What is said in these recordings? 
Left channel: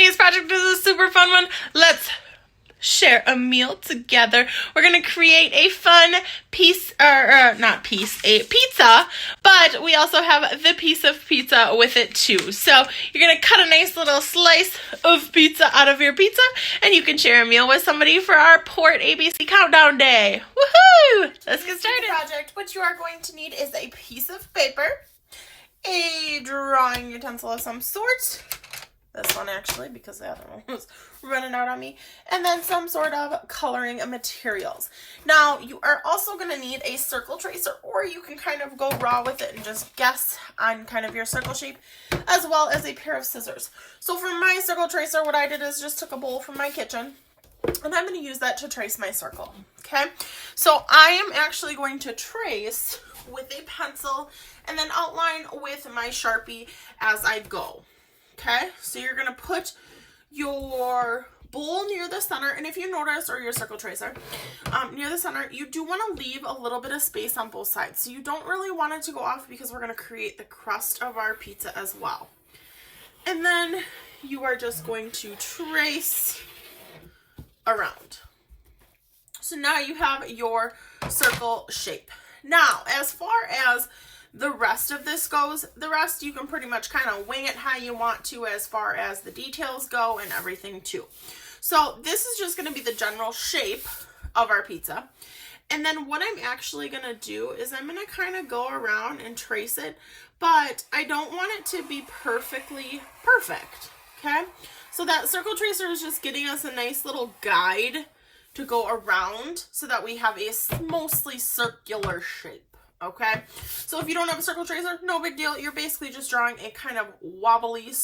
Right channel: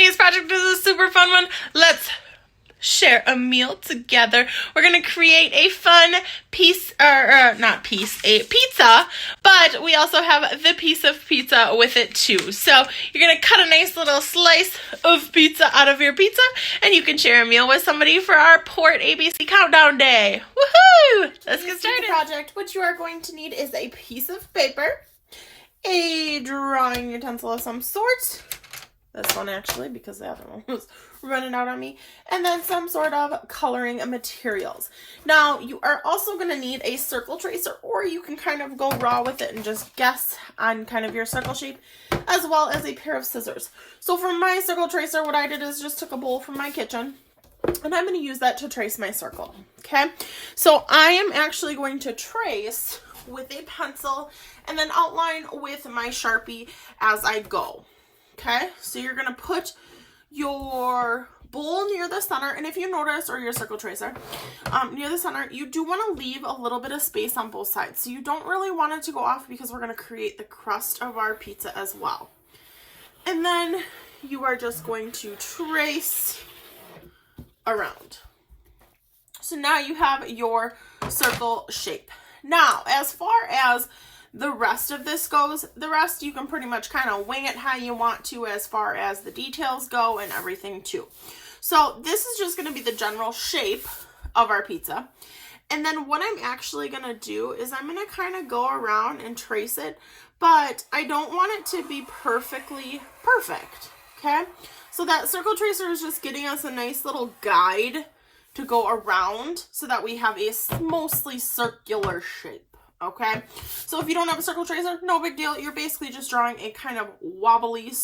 Today's project is a super fun one. Let's share a meal together. We're gonna create a fun piece, a pizza, but we also have the piece of pizza with it too. So you're gonna cut a nice little slice of pizza out of your pizza, and you can share a meal with somebody for our Port ABC Countdown Day. Woohoo! Let's get started. Project, what you are going to need is a piece of paper, a drawing utensil of some sort. This one actually, because the other one was running out on me. And then some sort of coloring materials. Now, you are also going to need a circle tracer, or you can kind of go raw with it and just guess on kind of your circle shape, as well as a pair of scissors. So for my circle tracer, what I did is just took a bowl from my kitchen, and I'm going to use that to trace my circle. Okay, so I am actually going to trace with a pencil and then outline with my Sharpie as I go. Okay, so you're going to put your bowl near the center, and if you notice, or your circle tracer, near the center, you do want to leave a little bit of space on both sides. So you don't really want it to go off because we're going to create the crust of our pizza as well. And then you are just going to trace around. So now you have your circle shape. Now, as far as the rest of this goes, the rest you can pretty much kind of wing it how you want to as far as the details go and everything too. So this is just going to be the general shape of our pizza. And then what I'm actually going to do is I'm going to kind of go around and trace it, but I don't want it to be perfectly perfect. Okay, so that circle tracer is just getting us a nice little guide to go around so that we have a mostly circular shape. Okay, so if you don't have a circle tracer, no big deal. You're basically just drawing a kind of wobbly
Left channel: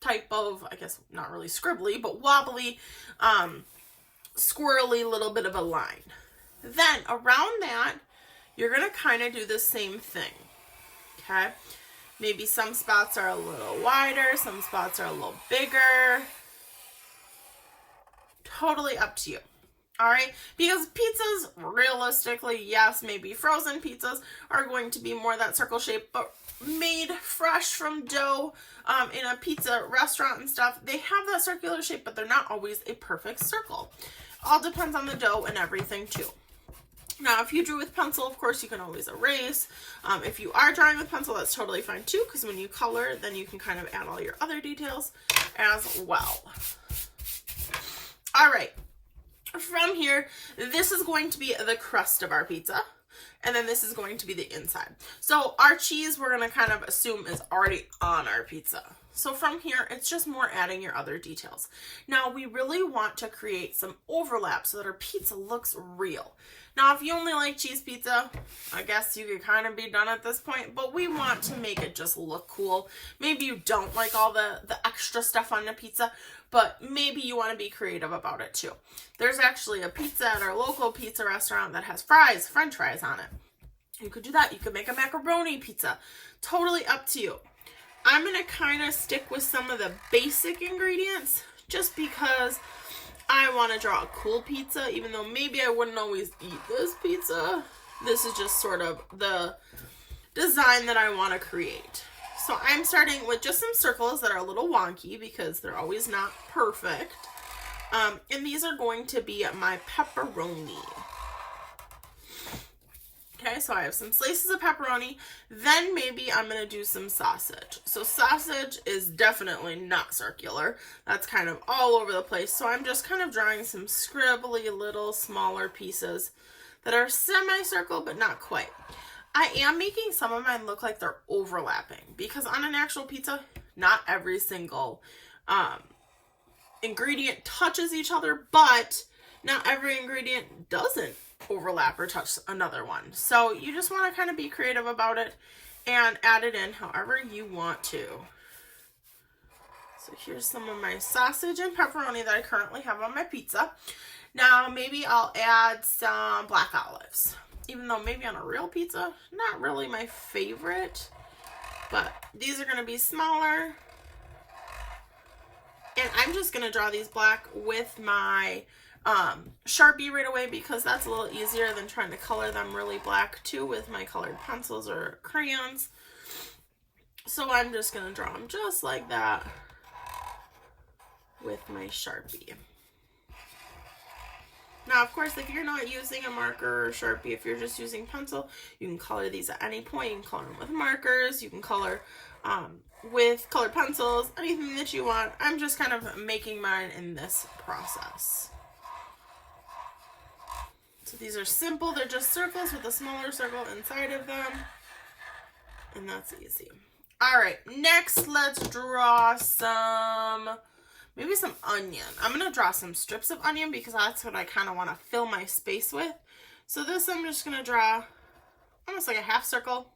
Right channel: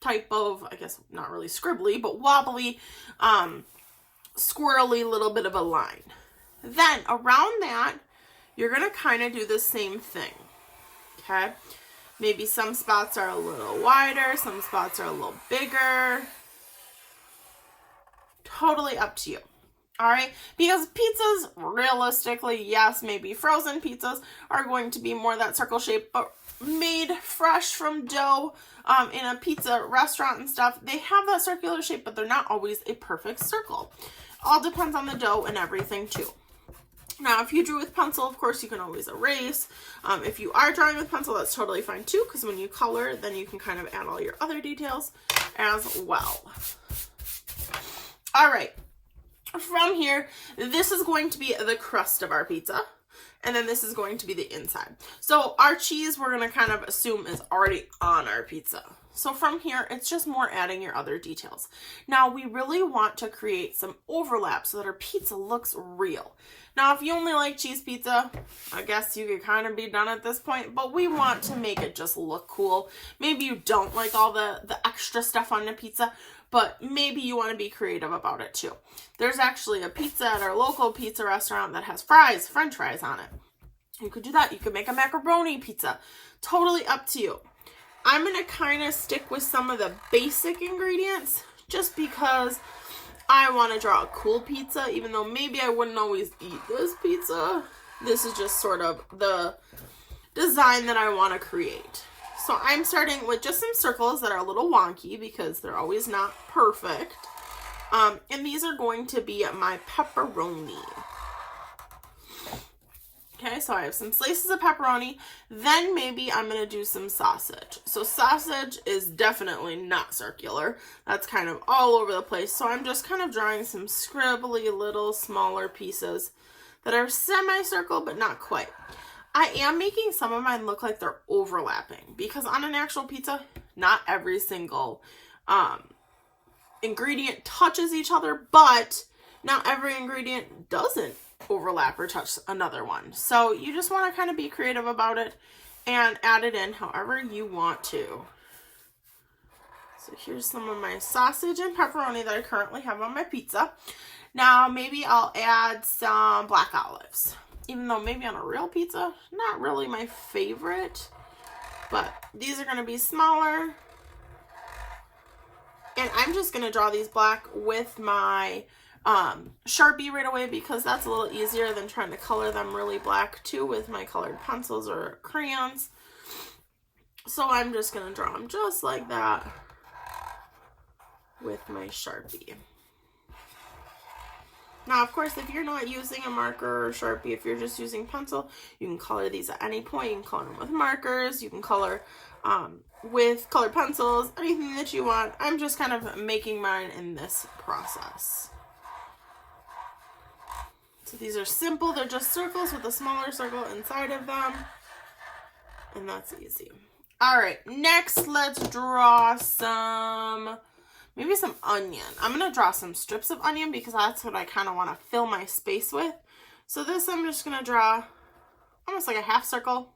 type of, I guess not really scribbly, but wobbly, squirrely little bit of a line. Then around that, you're going to kind of do the same thing. Okay, maybe some spots are a little wider, some spots are a little bigger. Totally up to you. All right, because pizzas, realistically, yes, maybe frozen pizzas are going to be more that circle shape, but made fresh from dough in a pizza restaurant and stuff, they have that circular shape, but they're not always a perfect circle. All depends on the dough and everything too. Now, if you drew with pencil, of course, you can always erase. If you are drawing with pencil, that's totally fine too, because when you color, then you can kind of add all your other details as well. All right. From here, this is going to be the crust of our pizza, and then this is going to be the inside. So our cheese, we're going to kind of assume is already on our pizza. So from here, it's just more adding your other details. Now, we really want to create some overlap so that our pizza looks real. Now, if you only like cheese pizza, I guess you could kind of be done at this point, but we want to make it just look cool. Maybe you don't like all the extra stuff on the pizza, but maybe you want to be creative about it too. There's actually a pizza at our local pizza restaurant that has fries, french fries on it. You could do that. You could make a macaroni pizza. Totally up to you. I'm going to kind of stick with some of the basic ingredients just because I want to draw a cool pizza, even though maybe I wouldn't always eat this pizza. This is just sort of the design that I want to create. So I'm starting with just some circles that are a little wonky because they're always not perfect. And these are going to be my pepperoni. Okay, so I have some slices of pepperoni. Then maybe I'm going to do some sausage. So sausage is definitely not circular. That's kind of all over the place. So I'm just kind of drawing some scribbly little smaller pieces that are semicircle, but not quite. I am making some of mine look like they're overlapping because on an actual pizza, not every single ingredient touches each other, but not every ingredient doesn't overlap or touch another one. So you just want to kind of be creative about it and add it in however you want to. So here's some of my sausage and pepperoni that I currently have on my pizza. Now maybe I'll add some black olives. Even though maybe on a real pizza, not really my favorite. But these are going to be smaller. And I'm just going to draw these black with my Sharpie right away because that's a little easier than trying to color them really black too with my colored pencils or crayons. So I'm just going to draw them just like that. with my Sharpie. Now, of course, if you're not using a marker or Sharpie, if you're just using pencil, you can color these at any point. You can color them with markers. You can color with colored pencils, anything that you want. I'm just kind of making mine in this process. So these are simple. They're just circles with a smaller circle inside of them. And that's easy. All right, next let's draw maybe some onion. I'm going to draw some strips of onion because that's what I kind of want to fill my space with. So this I'm just going to draw almost like a half circle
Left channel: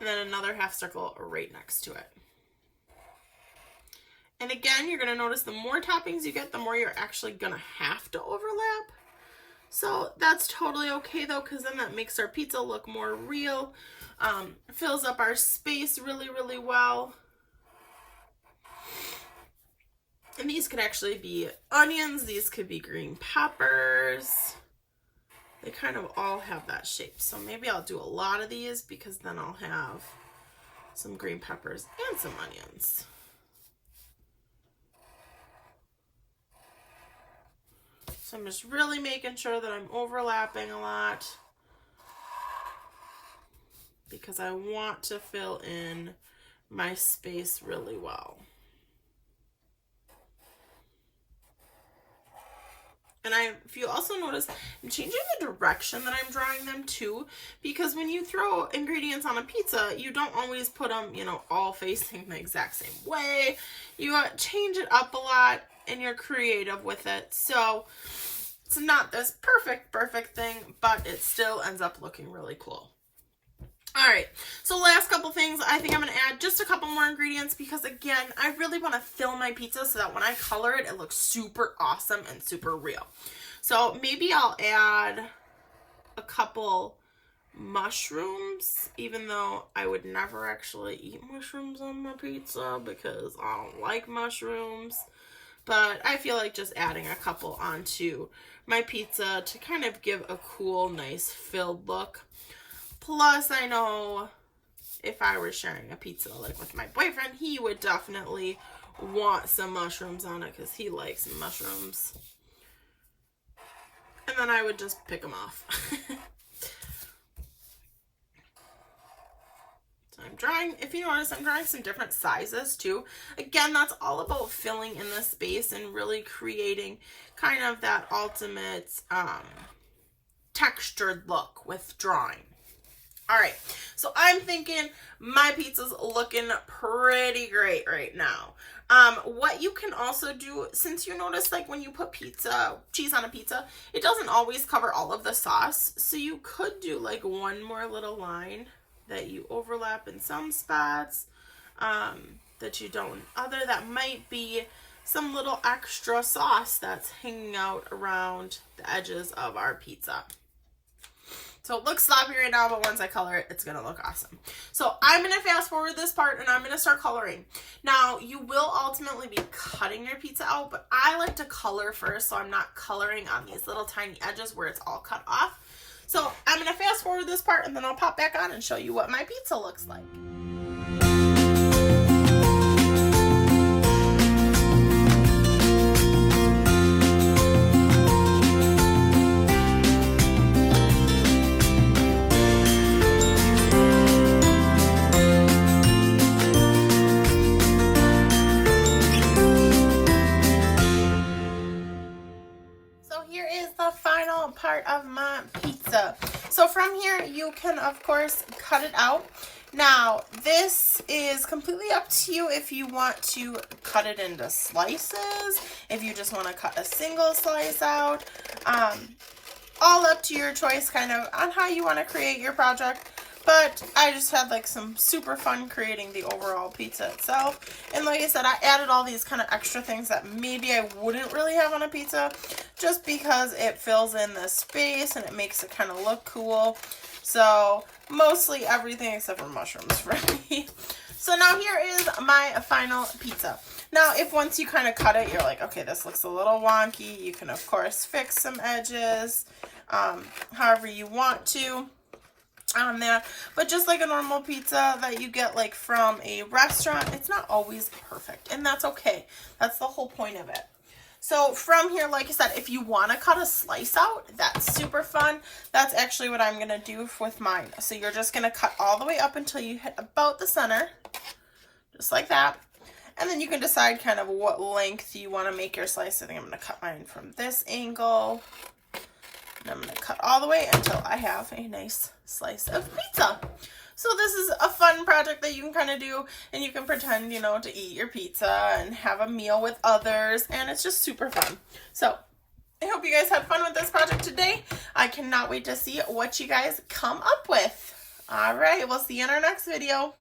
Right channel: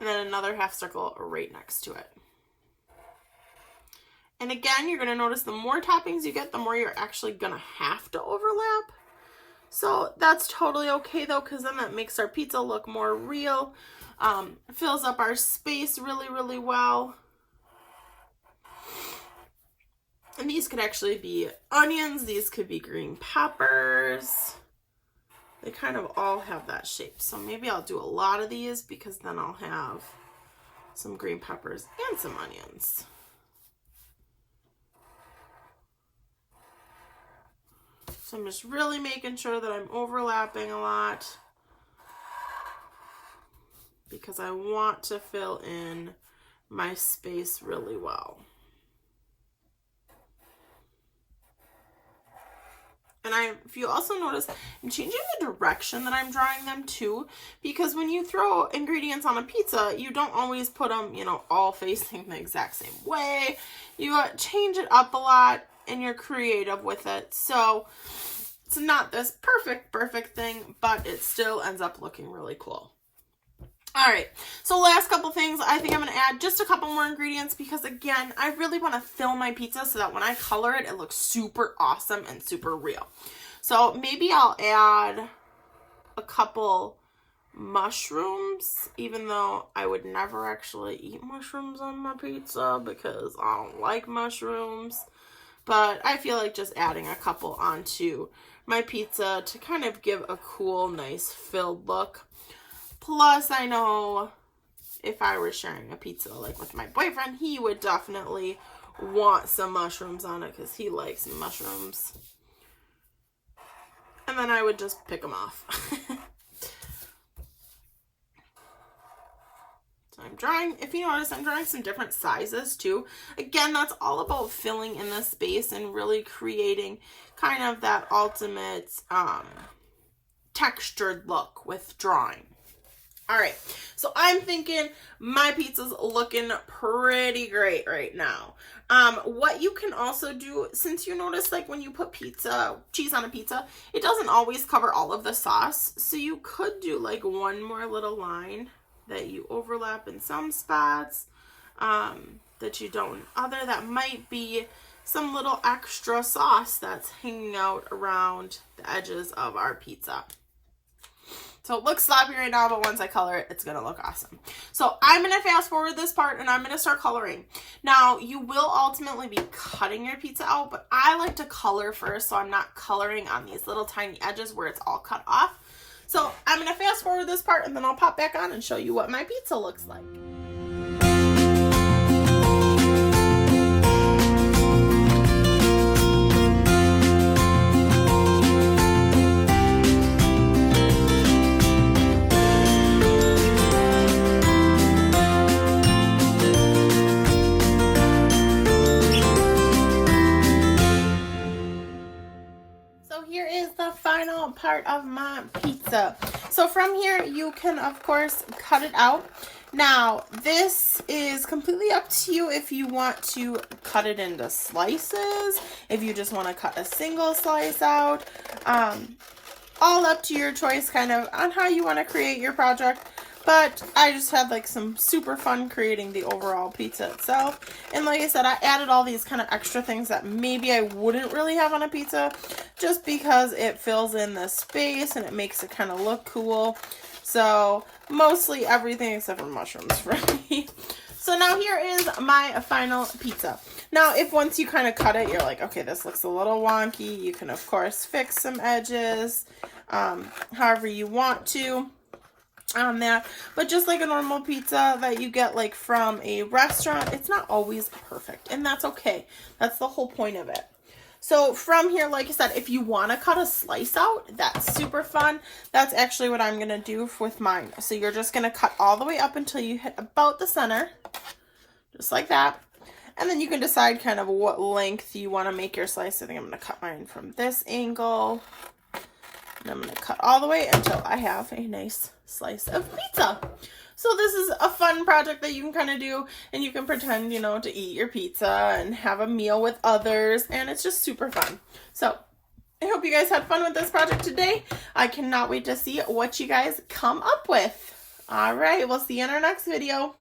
and then another half circle right next to it. And again, you're going to notice the more toppings you get, the more you're actually going to have to overlap. So that's totally okay though, because then that makes our pizza look more real. Fills up our space really, really well. And these could actually be onions. These could be green peppers. They kind of all have that shape. So maybe I'll do a lot of these because then I'll have some green peppers and some onions. So I'm just really making sure that I'm overlapping a lot because I want to fill in my space really well. And if you also notice, I'm changing the direction that I'm drawing them too, because when you throw ingredients on a pizza, you don't always put them, all facing the exact same way. You change it up a lot and you're creative with it. So it's not this perfect thing, but it still ends up looking really cool. All right, so last couple things, I think I'm going to add just a couple more ingredients because, again, I really want to fill my pizza so that when I color it, it looks super awesome and super real. So maybe I'll add a couple mushrooms, even though I would never actually eat mushrooms on my pizza because I don't like mushrooms. But I feel like just adding a couple onto my pizza to kind of give a cool, nice, filled look. Plus, I know if I were sharing a pizza like with my boyfriend, he would definitely want some mushrooms on it because he likes mushrooms. And then I would just pick them off. So I'm drawing, if you notice, I'm drawing some different sizes too. Again, that's all about filling in the space and really creating kind of that ultimate textured look with drawing. All right, so I'm thinking my pizza's looking pretty great right now. What you can also do, since you notice like when you put cheese on a pizza, it doesn't always cover all of the sauce. So you could do like one more little line that you overlap in some spots that you don't in other. That might be some little extra sauce that's hanging out around the edges of our pizza. So it looks sloppy right now, but once I color it, it's going to look awesome. So I'm going to fast forward this part and I'm going to start coloring. Now, you will ultimately be cutting your pizza out, but I like to color first so I'm not coloring on these little tiny edges where it's all cut off. So I'm going to fast forward this part and then I'll pop back on and show you what my pizza looks like. Part of my pizza. So from here you can of course cut it out. Now this is completely up to you if you want to cut it into slices, if you just want to cut a single slice out, all up to your choice kind of on how you want to create your project. But I just had like some super fun creating the overall pizza itself. And like I said, I added all these kind of extra things that maybe I wouldn't really have on a pizza just because it fills in the space and it makes it kind of look cool. So mostly everything except for mushrooms for me. So now here is my final pizza. Now, if once you kind of cut it, you're like, okay, this looks a little wonky. You can, of course, fix some edges however you want to. on there, but just like a normal pizza that you get like from a restaurant, it's not always perfect, and that's okay. That's the whole point of it. So from here, like I said, if you want to cut a slice out, that's super fun. That's actually what I'm going to do with mine. So you're just going to cut all the way up until you hit about the center, just like that. And then you can decide kind of what length you want to make your slice. I think I'm going to cut mine from this angle. And I'm going to cut all the way until I have a nice slice of pizza. So this is a fun project that you can kind of do, and you can pretend, you know, to eat your pizza and have a meal with others, and it's just super fun. So I hope you guys had fun with this project today. I cannot wait to see what you guys come up with. All right, we'll see you in our next video.